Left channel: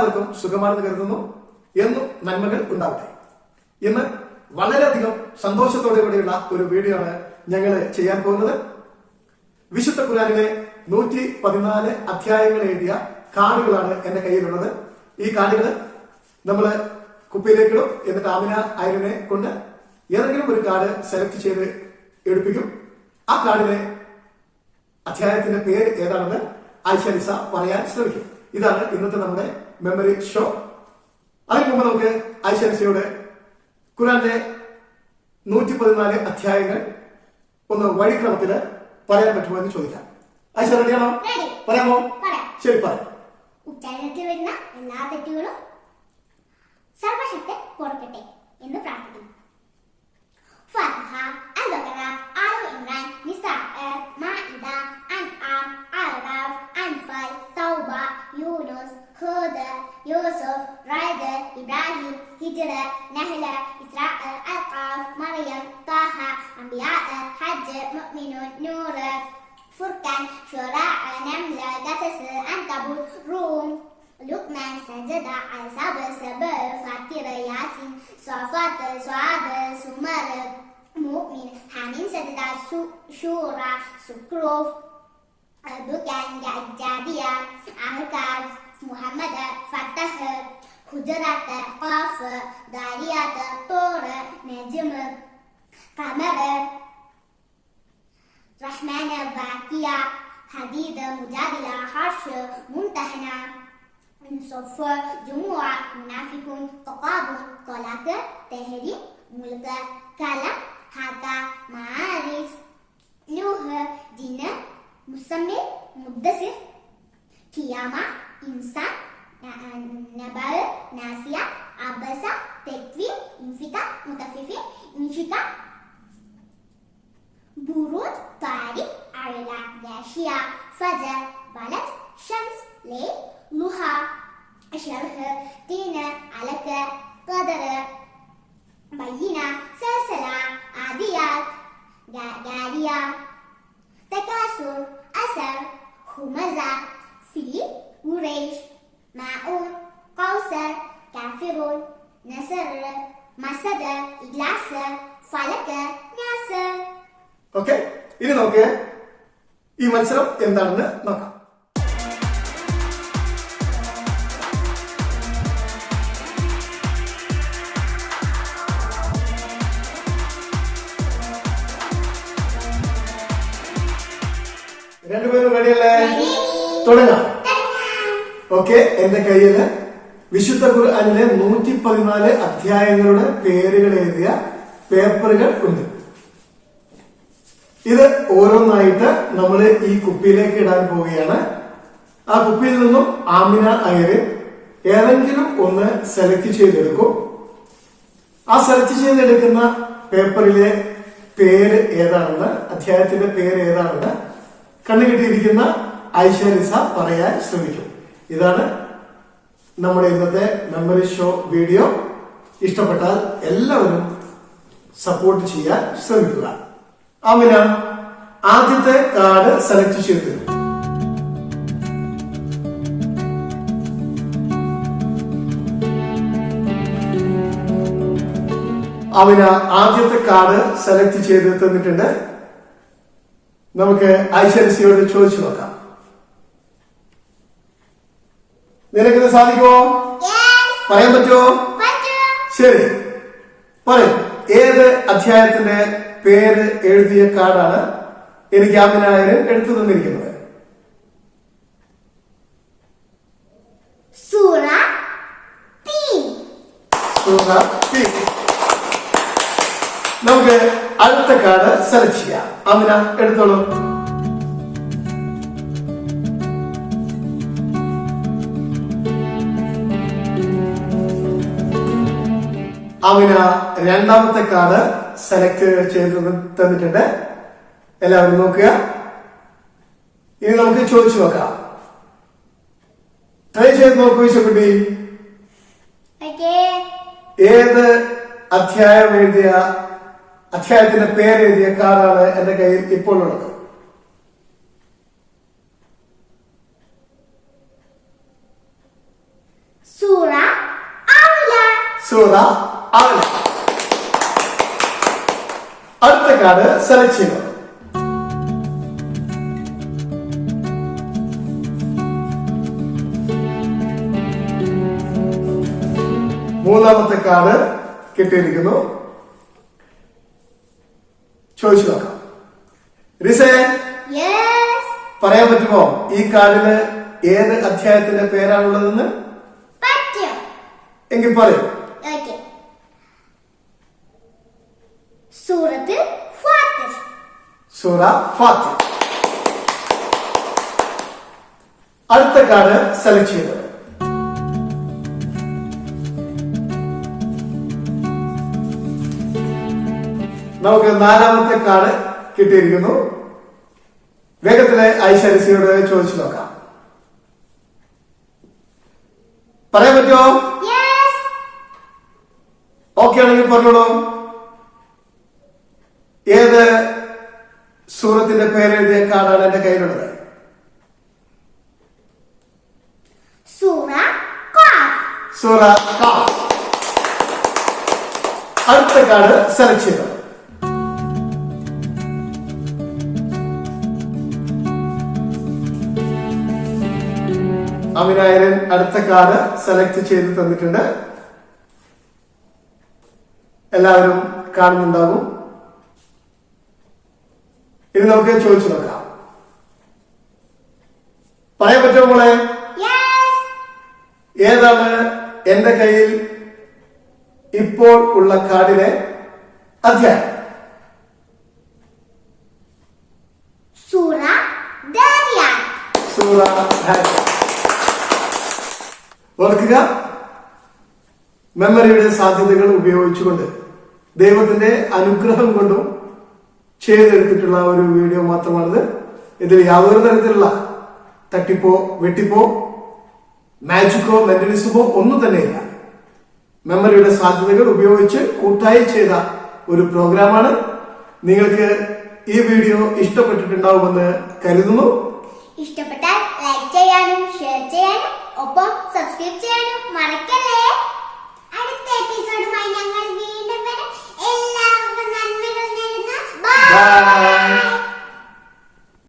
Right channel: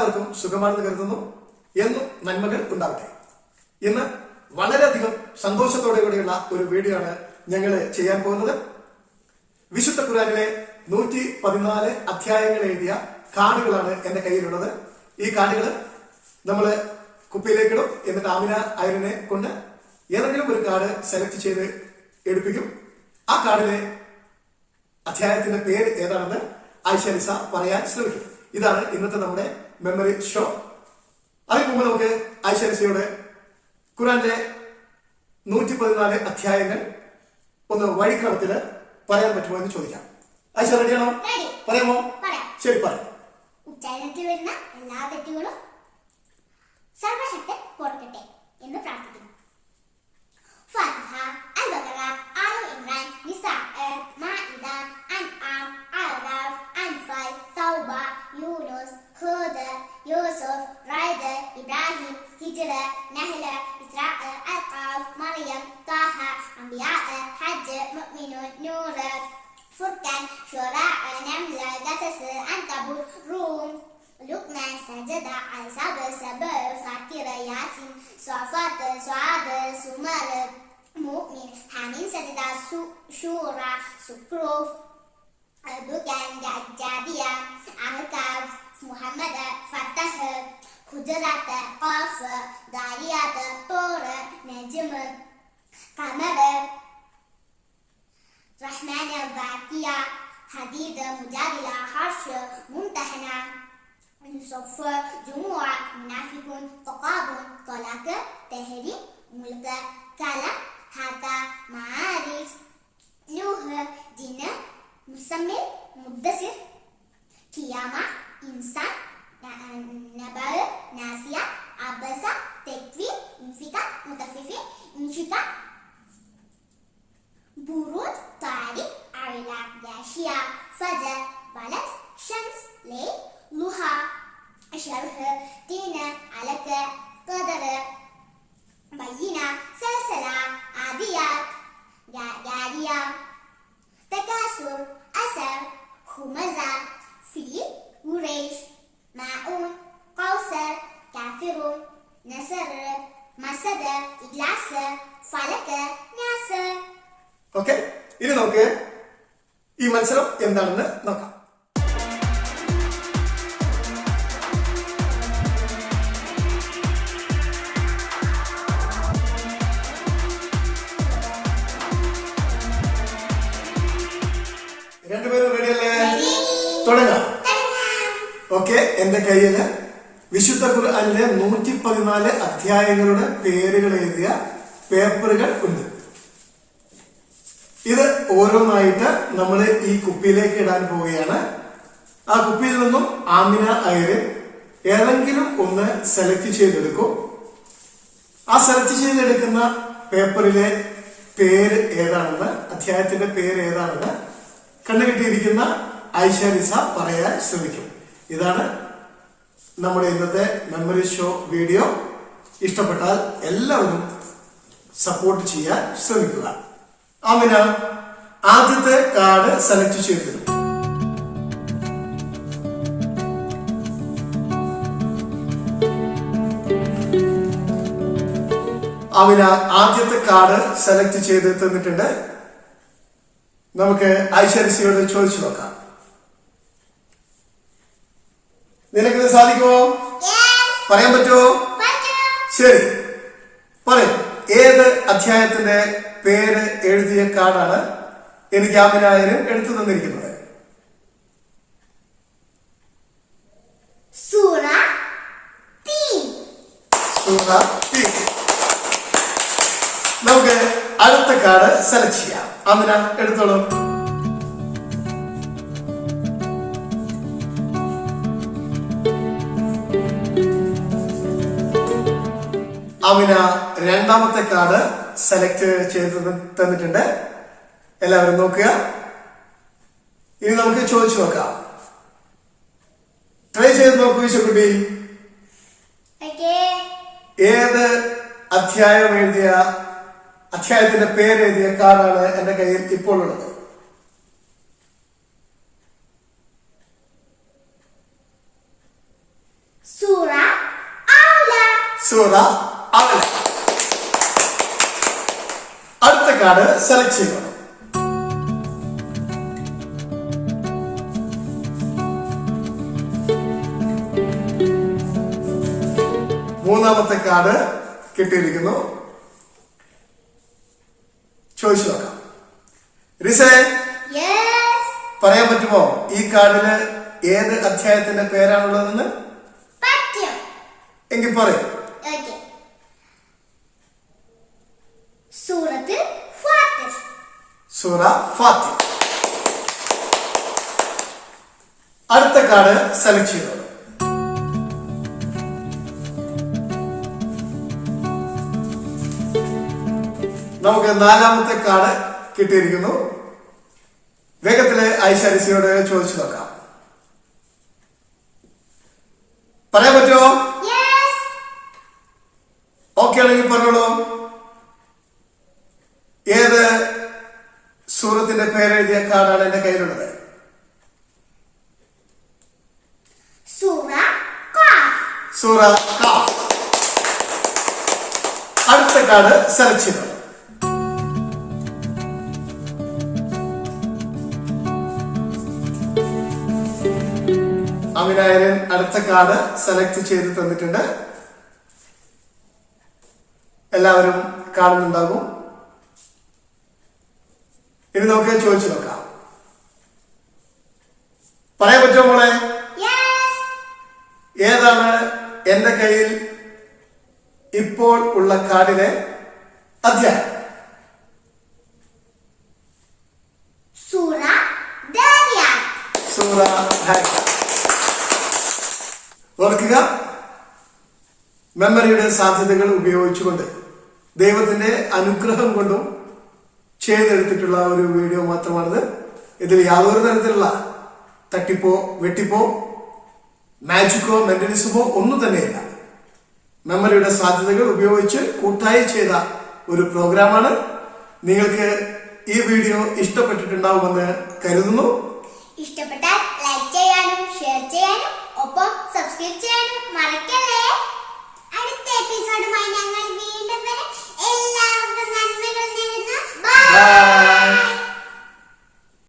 എല്ലാവർക്കും സുഖമാണെന്ന് കരുതുന്നു. എന്നും നന്മകൾ ഉണ്ടാവട്ടെ. ഇന്ന് വളരെയധികം സന്തോഷത്തോടെ കൂടിയുള്ള ഒരു വീഡിയോ ആണ് ഞങ്ങൾ ചെയ്യാൻ പോകുന്നത്. വിശുദ്ധ ഖുർആനിലെ 114 അധ്യായങ്ങൾ എഴുതിയ കാർഡുകളാണ് എന്റെ കയ്യിലുള്ളത്. ഈ കാർഡുകൾ നമ്മൾ കുപ്പിയിലേക്കിടും. എന്നിട്ട് ആമിന അയലിനെ കൊണ്ട് ഏതെങ്കിലും ഒരു കാർഡ് സെലക്ട് ചെയ്ത് എടുപ്പിക്കും. ആ കാർഡിലെ അധ്യായത്തിന്റെ പേര് ഏതാണെന്ന് ആയിഷ നിസ പറയാൻ ശ്രമിക്കും. ഇതാണ് ഇന്നത്തെ നമ്മുടെ മെമ്മറി ഷോ. അതിന് മുമ്പ് നമുക്ക് ആയിഷ നിസയോട് ഖുർആനിലെ 114 അധ്യായങ്ങൾ ഒന്ന് വഴിക്രമത്തിൽ പറയാൻ പറ്റുമോ എന്ന് ചോദിക്കാം. ആയിഷ റെഡിയാണോ? പറയാമോ? ശരി, പറയാം. ഉച്ചാരണത്തിൽ വരുന്ന എല്ലാ തെറ്റുകളും സർവശക്തൻ പൊറുക്കട്ടെ എന്ന് പ്രാർത്ഥിക്കുന്നു. ഫാത്തിഹ, അൽ-ബഖറ, ആലു ഇംറാൻ, നിസാ, മാഇദ, അൻആം, അഅറാഫ്, അൻഫാൽ, തൗബ, യൂനുസ്, ഹൂദ്, യൂസുഫ്, റഅദ്, ഇബ്രാഹിം, ഹിജ്ർ, നഹ്ൽ, ഇസ്രാ, അൽ-ഖാഫ്, മറിയം, ത്വാഹ, അംബിയാ, ഹജ്ജ്, മുഅ്മിനൂൻ, നൂർ, ഫുർഖാൻ, ശുറാ, നംൽ, ഖസസ്, അൻകബൂത്, റൂം, لقمان, سجدة, الأحزاب, سبع, فاطر, ياسين, صافات, سعاد, زمر, مؤمن, حميم, سجدة, شورى, زخرف, دكان, جارية, أحقاف, محمد, فتح, حجرات, قاف, ذاريات, طور, نجم, قمر, رحمن, واقعة, حديد, مجادلة, حرش, ممتحنة, صف, جموع, منافقون, تقابل, طلاق, تحريم, ملك, كلام, حاكا, معارج, نوح, جن, مسمر, مدثر, قيامة, إنسان, نبأ, ناسية, عبسة, تكوين, انفكاك, مطففين, انشقاق, بروج, طارق, عرلا, غاشية, فجر, بلد, شمس, ليل, ضحى, شرح, تين, علك, قدر, بينة, سلسلة, عاديات, جارية, تكاثر, أثر, همزة, فيل, قريش, ماعون, قوسر, كافرون, نصر, مسد, إجلاس, فلك, ناصر. ഓക്കെ, ഇനി നമുക്ക് ഈ മത്സരം എന്താണെന്ന് നോക്കാം. രണ്ടുപേരും റെഡിയല്ലേ? തുടങ്ങാം. ഓക്കെ, എന്റെ കയ്യില് വിശുദ്ധ ഖുർആനിലെ 114 അധ്യായങ്ങളുടെ പേരുകൾ എഴുതിയ പേപ്പറുകൾ ഉണ്ട്. ഇത് ഓരോന്നായിട്ട് നമ്മൾ ഈ കുപ്പിയിലേക്ക് ഇടാൻ പോവുകയാണ്. ആ കുപ്പിയിൽ നിന്നും ആമിന അയര് ഏതെങ്കിലും ഒന്ന് സെലക്ട് ചെയ്തെടുക്കും. ആ സെലക്ട് ചെയ്തെടുക്കുന്ന പേപ്പറിലെ പേര് ഏതാണെന്ന്, അധ്യായത്തിന്റെ പേര് ഏതാണെന്ന് കണ്ടുകിട്ടിയിരിക്കുന്ന ആയിഷ നിസ പറയാൻ ശ്രമിക്കും. ഇതാണ് നമ്മുടെ ഇന്നത്തെ മെമ്മറി ഷോ വീഡിയോ. ഇഷ്ടപ്പെട്ടാൽ എല്ലാവരും സപ്പോർട്ട് ചെയ്യാൻ ശ്രമിക്കുക. ആമിന ആദ്യത്തെ കാർഡ് സെലക്ട് ചെയ്തു. ആമിന ആദ്യത്തെ കാർഡ് സെലക്ട് ചെയ്ത് തന്നിട്ടുണ്ട്. നമുക്ക് ആയിഷ നിസയോട് ചോദിച്ചു നോക്കാം. നിനക്കിത് സാധിക്കുമോ? പറയാൻ പറ്റുമോ? ശരി, പറയും. ഏത് അധ്യായത്തിന്റെ പേര് എഴുതിയ കാർഡാണ് എനിക്ക് ആമിന അയര് എടുത്തു തന്നിരിക്കുന്നത്? സൂറ 3. നമുക്ക് അടുത്ത കാർഡ് സെലക്ട് ചെയ്യാം. ആമിന എടുത്തോളൂ. ആമിന രണ്ടാമത്തെ കാർഡ് സെലക്ട് ചെയ്ത് തന്നിട്ടുണ്ട്. എല്ലാവരും നോക്കുക. ഇനി നമുക്ക് ചോദിച്ചു നോക്കാം. ട്രൈ ചെയ്ത് നോക്കൂ വിശക്കുട്ടി. ഏത് അധ്യായം എഴുതിയ, അധ്യായത്തിന്റെ പേര് എഴുതിയ കാർഡാണ് എന്റെ കയ്യിൽ ഇപ്പോൾ ഉള്ളത്? സൂറ അഅല. അടുത്ത കാർഡ് സെലക്ട് ചെയ്യുക. മൂന്നാമത്തെ കാർഡ് കിട്ടിയിരിക്കുന്നു. ചോദിച്ചു നോക്കാം. റിസേ, പറയാൻ പറ്റുമോ ഈ കാർഡില് ഏത് അധ്യായത്തിന്റെ പേരാണുള്ളതെന്ന്? എങ്കിൽ പറയൂ. സൂറ ഫാത്തിർ. അടുത്ത കാർഡ് സെലക്ട് ചെയ്തത്. നമുക്ക് നാലാമത്തെ കാർഡ് കിട്ടിയിരിക്കുന്നു. വേഗത്തിലെ ഐശാരിസിയോട് ചോദിച്ചു നോക്കാം. പറയാൻ പറ്റുമോ? ഓക്കെ ആണെങ്കിൽ പറഞ്ഞോളൂ. ഏത് സൂറത്തിന്റെ പേരെഴുതിയ കാർഡാണ് എന്റെ കയ്യിലുള്ളത്? സൂറ ഖാഫ്. അടുത്ത കാർഡ് സെലക്ട് ചെയ്തു. അമിനായരൻ അടുത്ത കാർഡ് സെലക്ട് ചെയ്ത് തന്നിട്ടുണ്ട്. എല്ലാവരും കാണുന്നുണ്ടാകും. ഇനി നമുക്ക് ചോദിച്ചു നോക്കാം. പറയാൻ പറ്റുമോ മോളെ? ഏതാണ് എന്റെ കയ്യിൽ ഇപ്പോൾ ഉള്ള കാർഡിലെ അധ്യായം? സൂറ ദാരിയാത്ത്. ഓർക്കുക, മെമ്മറിയുടെ സാധ്യതകൾ ഉപയോഗിച്ചുകൊണ്ട് ദൈവത്തിന്റെ അനുഗ്രഹം കൊണ്ടും ചെയ്തെടുത്തിട്ടുള്ള ഒരു വീഡിയോ മാത്രമാണിത്. ഇതിൽ യാതൊരു തരത്തിലുള്ള തട്ടിപ്പോ വെട്ടിപ്പോ മാജിക്കോ മെന്റലിസമോ ഒന്നും തന്നെയില്ല. മെമ്മറിയുടെ സാധ്യതകൾ ഉപയോഗിച്ച് കൂട്ടായി ചെയ്ത ഒരു പ്രോഗ്രാമാണ്. നിങ്ങൾക്ക് ഈ വീഡിയോ ഇഷ്ടപ്പെട്ടിട്ടുണ്ടാവുമെന്ന് കരുതുന്നു. ഇഷ്ടപ്പെട്ടാൽ ലൈക്ക് ചെയ്യാനും ഷെയർ ചെയ്യാനും ഒപ്പം സബ്സ്ക്രൈബ് ചെയ്യാനും മറക്കല്ലേ. അടുത്ത എപ്പിസോഡുമായി ഞങ്ങൾ വീണ്ടും വരും.